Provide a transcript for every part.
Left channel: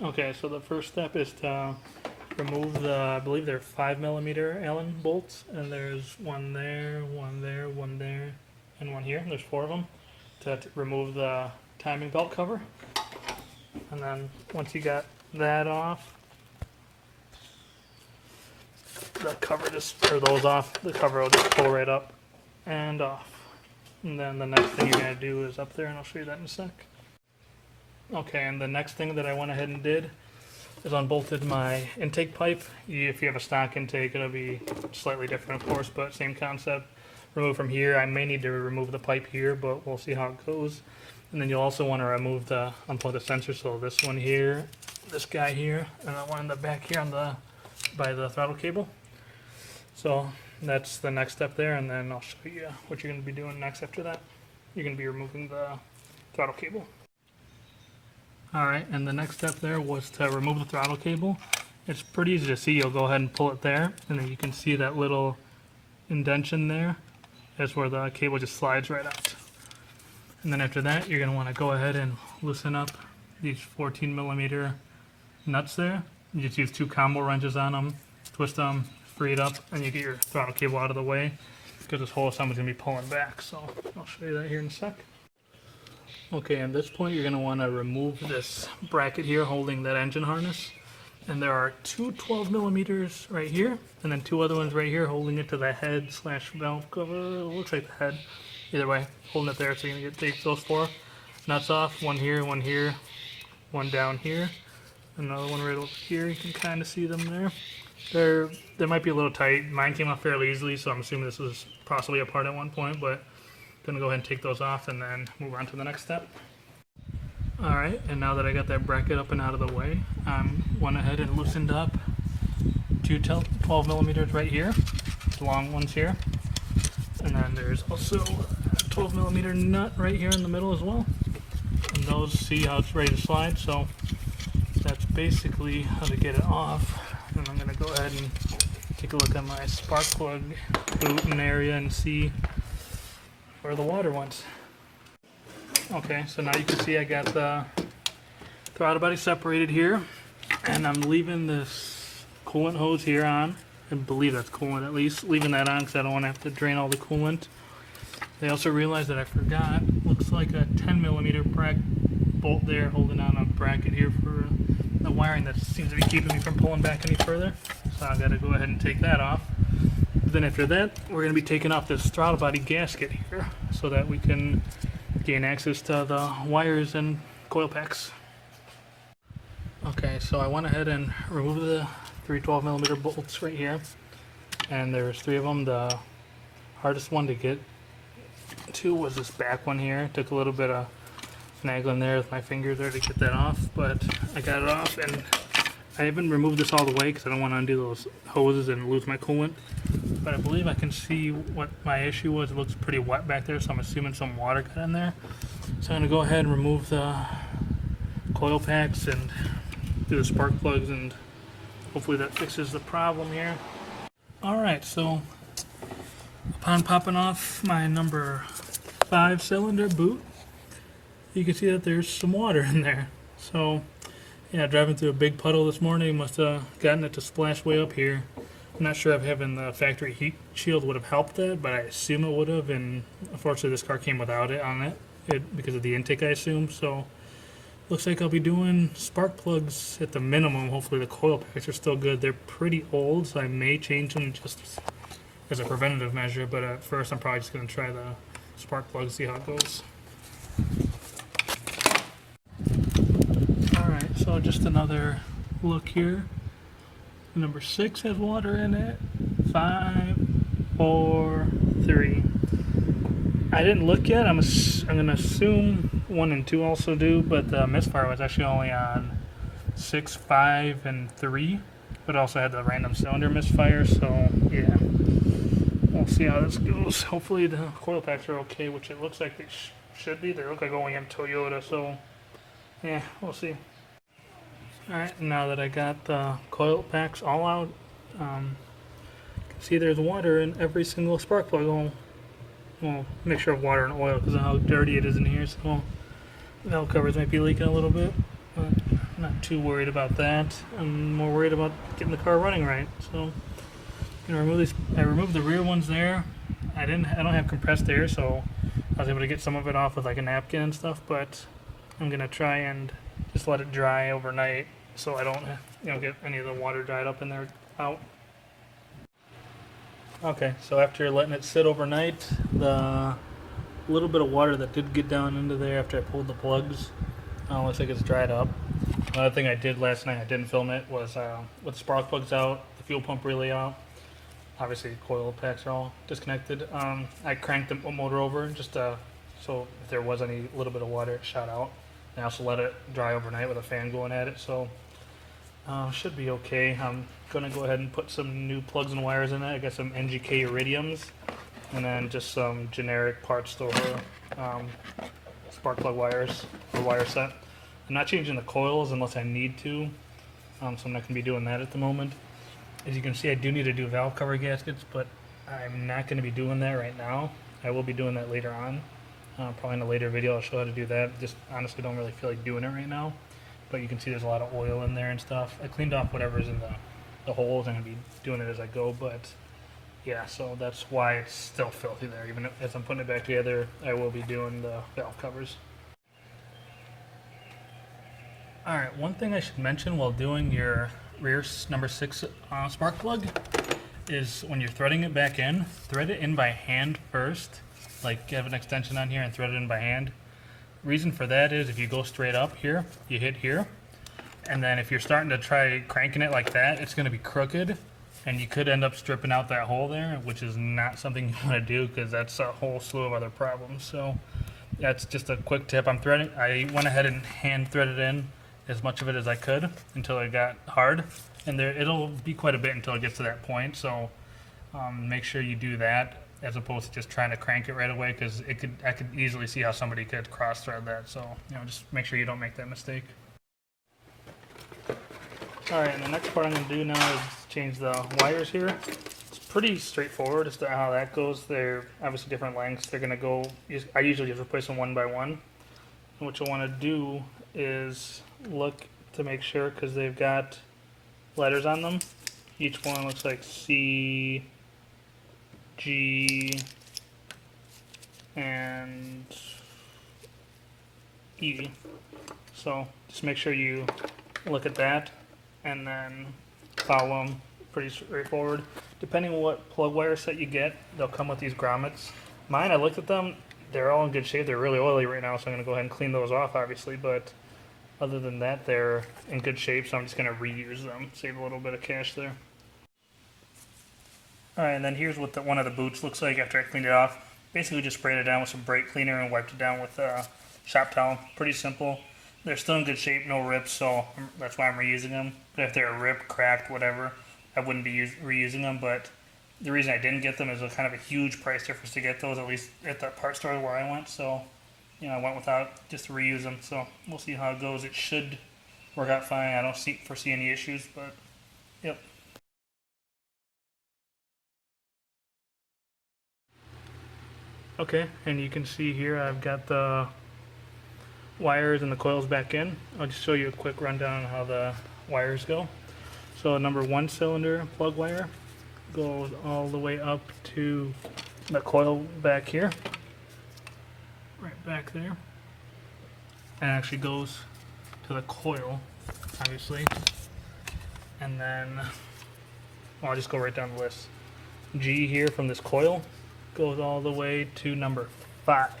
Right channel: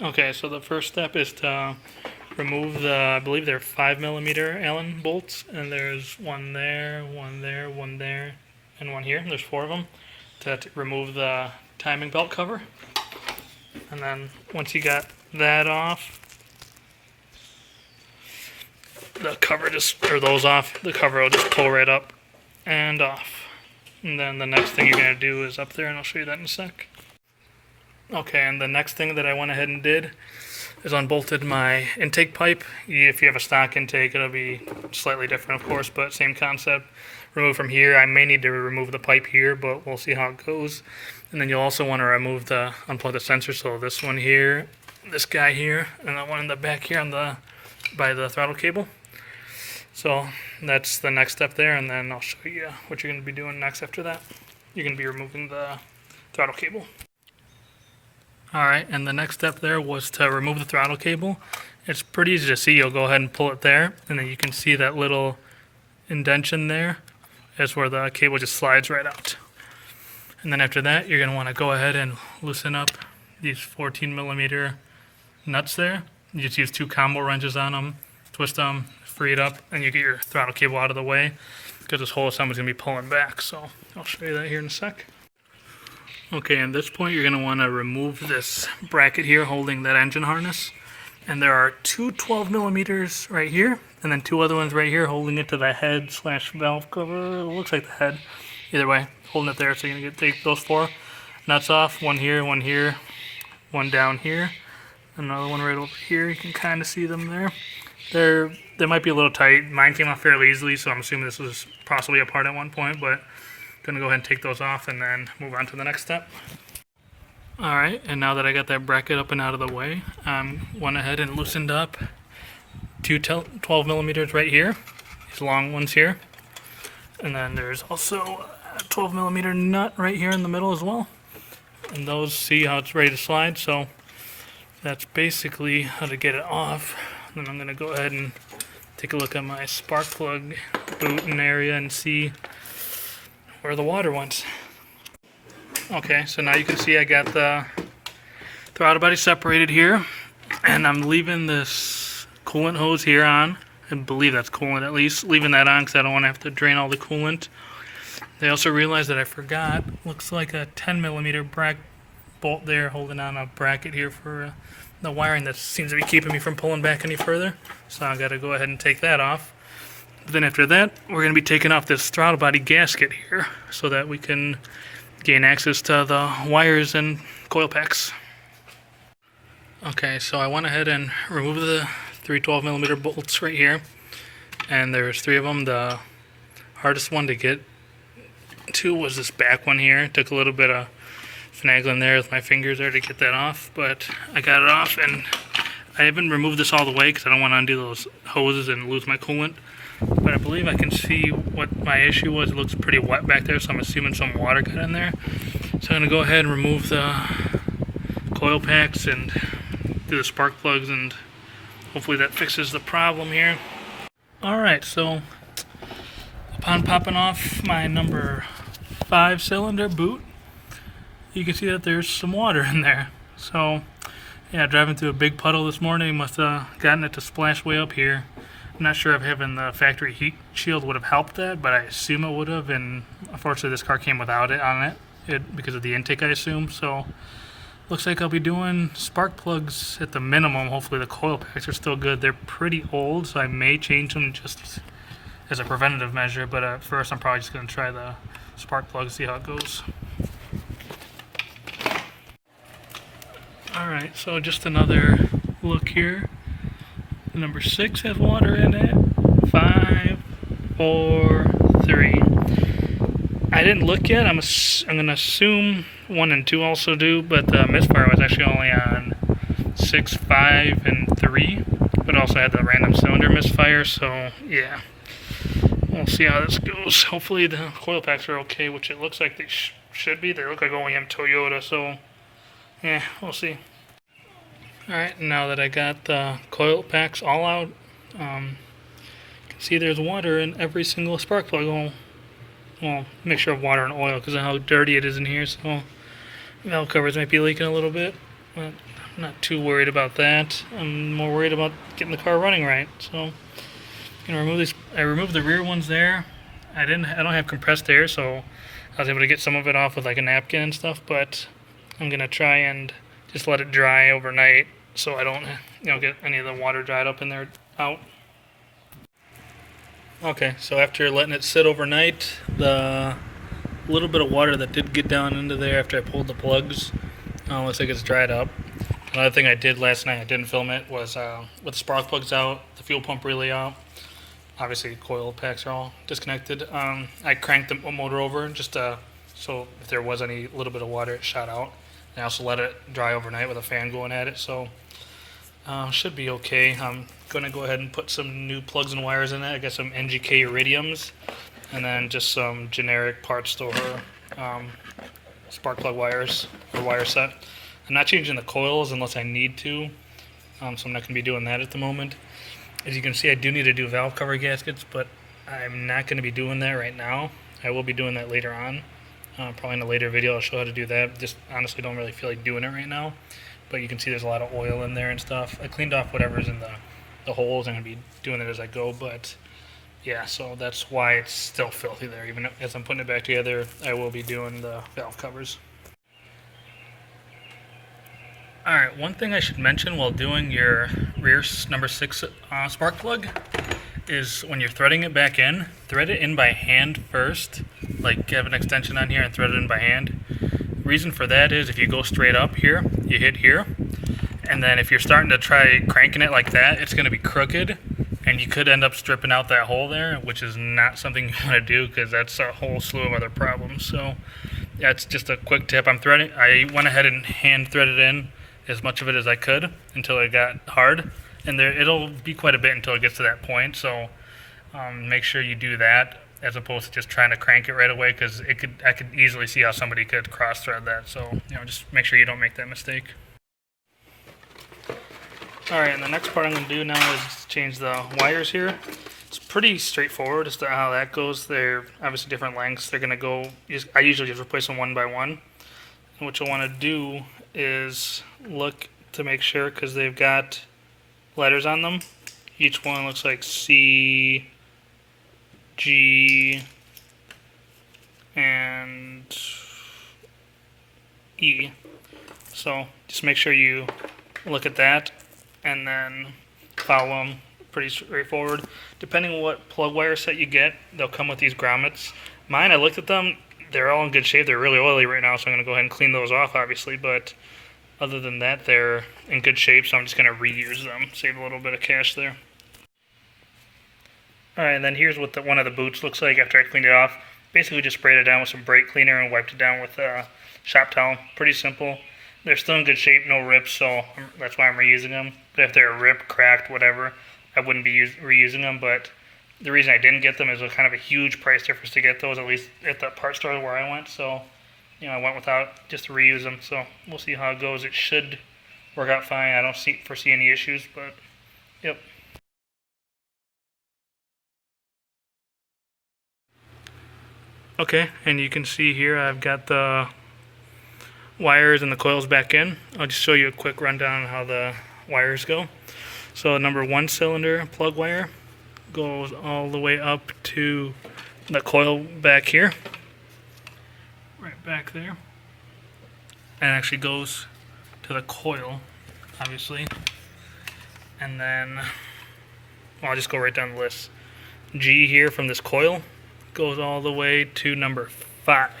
Okay, so the first step is to remove the, I believe they're 5mm Allen bolts, and there's one there, one there, one there, and one here. There's 4 of them to remove the timing belt cover. And then once you got that off, the cover just, or those off, the cover will just pull right up and off. And then the next thing you're going to do is up there, and I'll show you that in a sec. Okay, and the next thing that I went ahead and did is unbolted my intake pipe. If you have a stock intake, it'll be slightly different, of course, but same concept. Remove from here. I may need to remove the pipe here, but we'll see how it goes. And then you'll also want to remove the unplug the sensor. So this one here, this guy here, and that one in the back here on the by the throttle cable. So that's the next step there, and then I'll show you what you're going to be doing next after that. You're going to be removing the throttle cable. Alright, and the next step there was to remove the throttle cable. It's pretty easy to see. You'll go ahead and pull it there, and then you can see that little indentation there. That's where the cable just slides right out. And then after that, you're going to want to go ahead and loosen up these 14mm nuts there. You just use 2 combo wrenches on them, twist them, free it up, and you get your throttle cable out of the way, because this whole assembly is going to be pulling back. So I'll show you that here in a sec. Okay, at this point you're going to want to remove this bracket here holding that engine harness. And there are 2 12mm right here, and then 2 other ones right here holding it to the head / valve cover. It looks like the head. Either way, holding it there. So you're going to take those 4 nuts off. One here, one down here. Another one right over here. You can kind of see them there. They might be a little tight. Mine came off fairly easily, so I'm assuming this was possibly a part at one point, but I'm going to go ahead and take those off and then move on to the next step. Alright, and now that I got that bracket up and out of the way, went ahead and loosened up 2 12mm right here, these long ones here. And then there's also a 12mm nut right here in the middle as well. And those, see how it's ready to slide, so that's basically how to get it off. And I'm going to go ahead and take a look at my spark plug boot and area and see where the water went. Okay, so now you can see I got the throttle body separated here, and I'm leaving this coolant hose here on. I believe that's coolant at least. Leaving that on because I don't want to have to drain all the coolant. They also realized that I forgot, looks like a 10mm bolt there holding on a bracket here for the wiring that seems to be keeping me from pulling back any further. So I got to go ahead and take that off. Then after that, we're going to be taking off this throttle body gasket here so that we can gain access to the wires and coil packs. Okay, so I went ahead and removed the 3 12mm bolts right here, and there's 3 of them. The hardest one to get to was this back one here. It took a little bit of finagling there with my fingers there to get that off, but I got it off, and I haven't removed this all the way because I don't want to undo those hoses and lose my coolant. But I believe I can see what my issue was. It looks pretty wet back there, so I'm assuming some water got in there. So I'm going to go ahead and remove the coil packs and do the spark plugs, and hopefully that fixes the problem here. Alright, so upon popping off my number 5 cylinder boot, you can see that there's some water in there. So yeah, driving through a big puddle this morning, must have gotten it to splash way up here. I'm not sure if having the factory heat shield would have helped that, but I assume it would have, and unfortunately this car came without it on it because of the intake, I assume. So looks like I'll be doing spark plugs at the minimum. Hopefully the coil packs are still good. They're pretty old, so I may change them just as a preventative measure, but at first I'm probably just going to try the spark plug, see how it goes. Alright, so just another look here. Number 6 has water in it. 5, 4, 3. I didn't look yet. I'm going to assume 1 and 2 also do, but the misfire was actually only on 6, 5, and 3. But it also had the random cylinder misfire, so yeah. We'll see how this goes. Hopefully the coil packs are okay, which it looks like they should be. They look like OEM Toyota, so yeah, we'll see. Alright, now that I got the coil packs all out, you can see there's water in every single spark plug. Well, mixture of water and oil because of how dirty it is in here, so valve covers might be leaking a little bit. But I'm not too worried about that. I'm more worried about getting the car running right. So, remove these. I removed the rear ones there. I don't have compressed air, so I was able to get some of it off with like a napkin and stuff. But I'm gonna try and just let it dry overnight, so I don't, get any of the water dried up in there out. Okay, so after letting it sit overnight, the little bit of water that did get down into there after I pulled the plugs, looks like it's dried up. Another thing I did last night, I didn't film it, was with the spark plugs out, the fuel pump relay out. Obviously, coil packs are all disconnected. I cranked the motor over just so if there was any little bit of water, it shot out. I also let it dry overnight with a fan going at it, so should be okay. I'm going to go ahead and put some new plugs and wires in it. I got some NGK iridiums, and then just some generic parts store spark plug wires or wire set. I'm not changing the coils unless I need to, so I'm not going to be doing that at the moment. As you can see, I do need to do valve cover gaskets, but I'm not going to be doing that right now. I will be doing that later on. Probably in a later video I'll show how to do that. Just honestly don't really feel like doing it right now. But you can see there's a lot of oil in there and stuff. I cleaned off whatever's in the holes. I'm going to be doing it as I go, but yeah, so that's why it's still filthy there. Even as I'm putting it back together, I will be doing the valve covers. Alright, one thing I should mention while doing your rear number 6 spark plug is when you're threading it back in, thread it in by hand first. Like, have an extension on here and thread it in by hand. Reason for that is if you go straight up here, you hit here, and then if you're starting to try cranking it like that, it's going to be crooked, and you could end up stripping out that hole there, which is not something you want to do because that's a whole slew of other problems. So that's just a quick tip. I went ahead and hand threaded in as much of it as I could until it got hard, and it'll be quite a bit until it gets to that point. So make sure you do that as opposed to just trying to crank it right away, because I could easily see how somebody could cross thread that. So just make sure you don't make that mistake. All right, and the next part I'm going to do now is change the wires here. It's pretty straightforward as to how that goes. They're obviously different lengths. They're going to go. I usually just replace them one by one. And what you'll want to do is look to make sure, because they've got letters on them. Each one looks like C, G, and E. So just make sure you look at that and then follow them. Pretty straightforward. Depending on what plug wire set you get, they'll come with these grommets. Mine, I looked at them, they're all in good shape. They're really oily right now, so I'm going to go ahead and clean those off, obviously, but other than that, they're in good shape, so I'm just going to reuse them. Save a little bit of cash there. Alright, and then here's what one of the boots looks like after I cleaned it off. Basically just sprayed it down with some brake cleaner and wiped it down with a shop towel. Pretty simple. They're still in good shape, no rips, so that's why I'm reusing them. But if they're ripped, cracked, whatever, I wouldn't be reusing them. But the reason I didn't get them is a kind of a huge price difference to get those, at least at the part store where I went. So, I went without just to reuse them. So we'll see how it goes. It should work out fine. I don't foresee any issues, but yep. Okay, and you can see here I've got the wires and the coils back in. I'll just show you a quick rundown on how the wires go. So number 1 cylinder plug wire goes all the way up to the coil back here, right back there, and actually goes to the coil, obviously. And then I'll just go right down the list. G here from this coil goes all the way to number 5.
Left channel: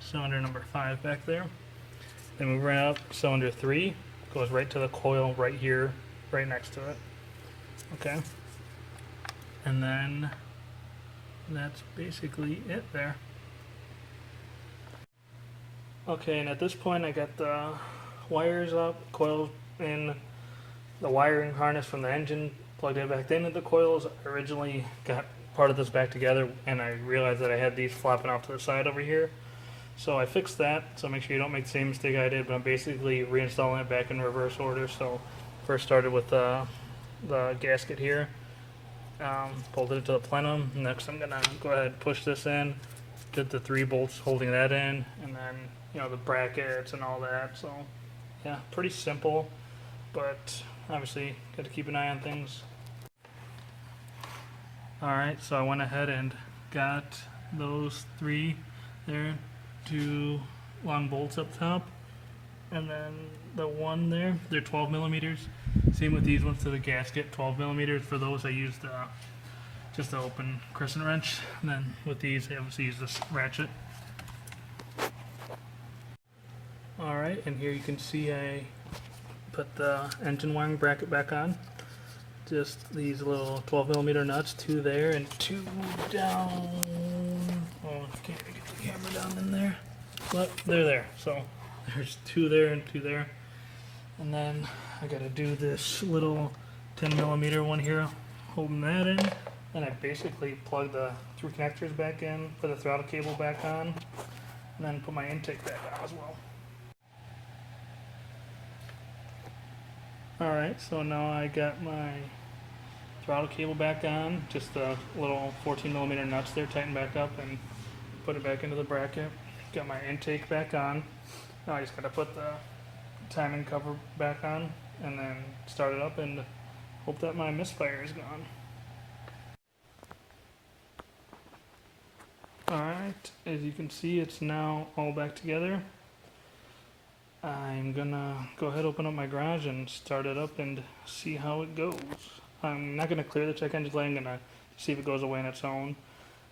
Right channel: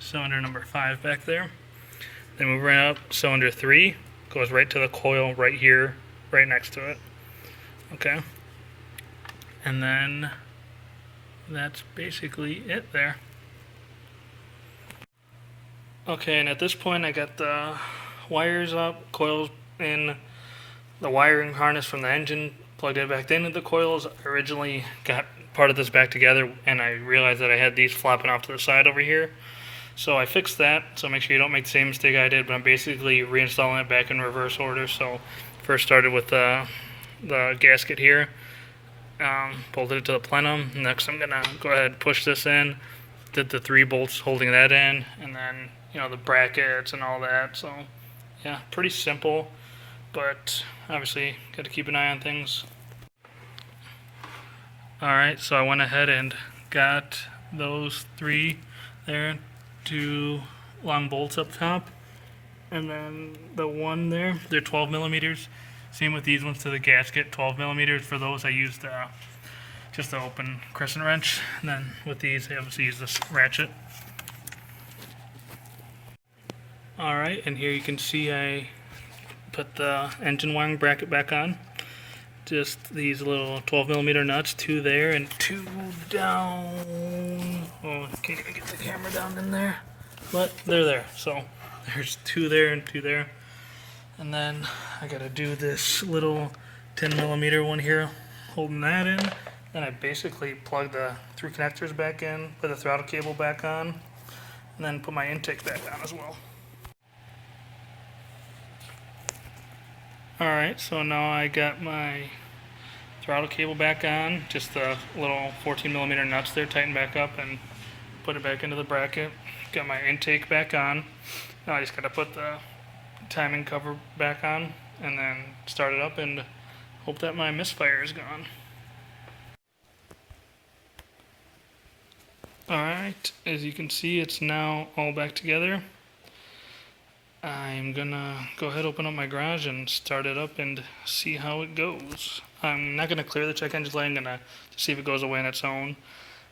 Cylinder number 5 back there. Then moving right up, cylinder 3 goes right to the coil right here, right next to it. Okay. And then that's basically it there. Okay, and at this point I got the wires up, coils in, the wiring harness from the engine plugged it back into the coils. I originally got part of this back together and I realized that I had these flopping off to the side over here. So I fixed that, so make sure you don't make the same mistake I did, but I'm basically reinstalling it back in reverse order. So first started with the gasket here, bolted it to the plenum. Next I'm gonna go ahead and push this in, did the 3 bolts holding that in, and then the brackets and all that. So yeah, pretty simple, but obviously got to keep an eye on things. Alright, so I went ahead and got those 3 there, 2 long bolts up top, and then the one there, they're 12 millimeters. Same with these ones to the gasket, 12 millimeters. For those I used just an open crescent wrench, and then with these I obviously use this ratchet. Alright, and here you can see I put the engine wiring bracket back on. Just these little 12 millimeter nuts, 2 there and 2 down. Oh, can't even get the camera down in there, but they're there. So there's 2 there and 2 there. And then I gotta do this little 10 millimeter one here, holding that in. Then I basically plug the 3 connectors back in, put the throttle cable back on, and then put my intake back on as well. Alright, so now I got my throttle cable back on, just the little 14 millimeter nuts there, tighten back up and put it back into the bracket. Got my intake back on. Now I just gotta put the timing cover back on and then start it up and hope that my misfire is gone. Alright, as you can see, it's now all back together. I'm gonna go ahead, open up my garage and start it up and see how it goes. I'm not gonna clear the check engine light, I'm gonna see if it goes away on its own.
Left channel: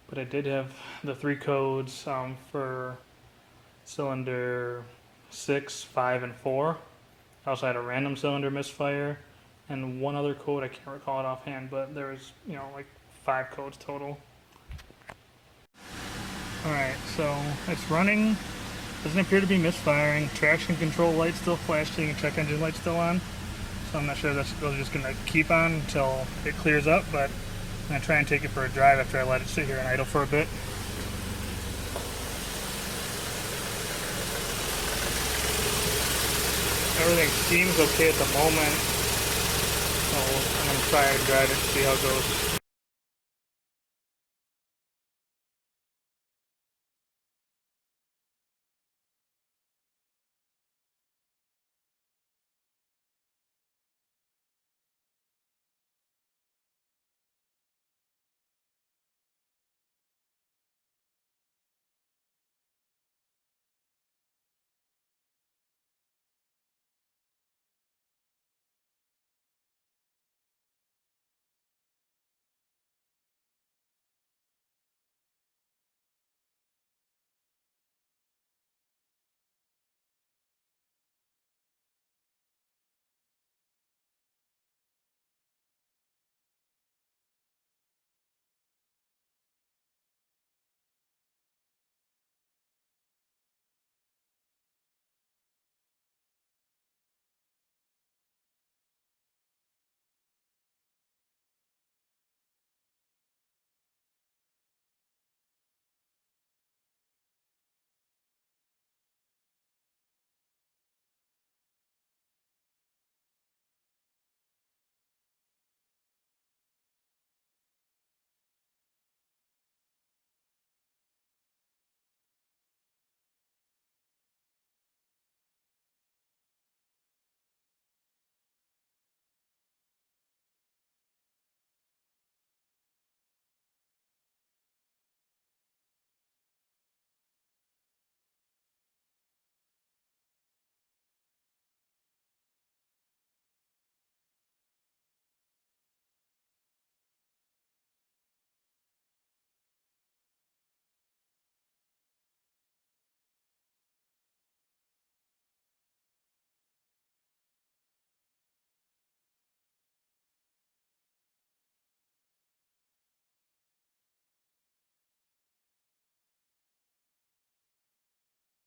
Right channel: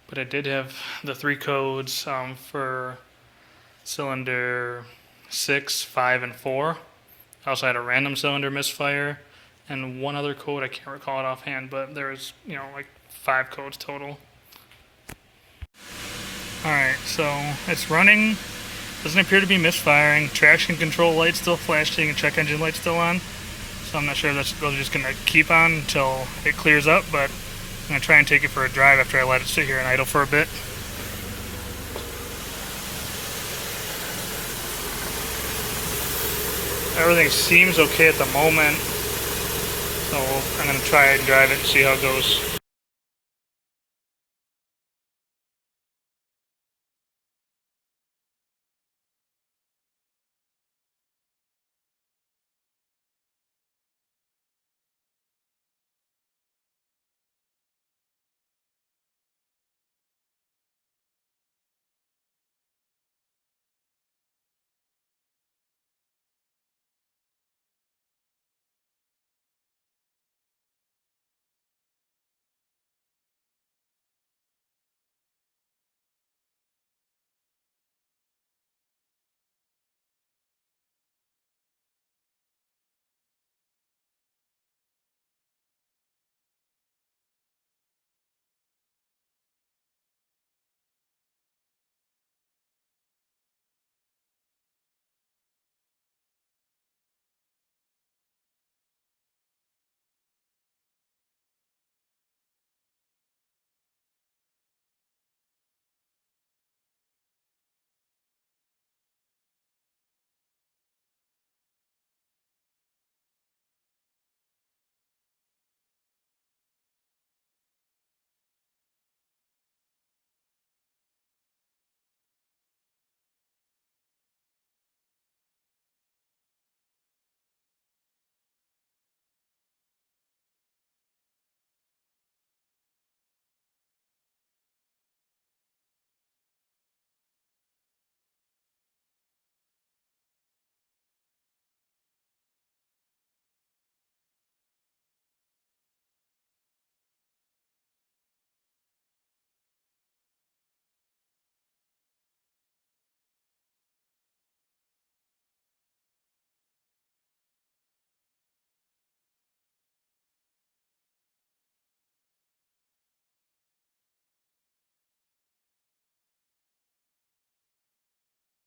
But I did have the 3 codes for cylinder 6, 5, and 4. I also had a random cylinder misfire and one other code, I can't recall it offhand, but there was, like 5 codes total. Alright, so it's running. Doesn't appear to be misfiring. Traction control light still flashing and check engine light still on. So I'm not sure if those are just going to keep on until it clears up, but I'm going to try and take it for a drive after I let it sit here and idle for a bit. Everything seems okay at the moment, so I'm going to try and drive it and see how it goes.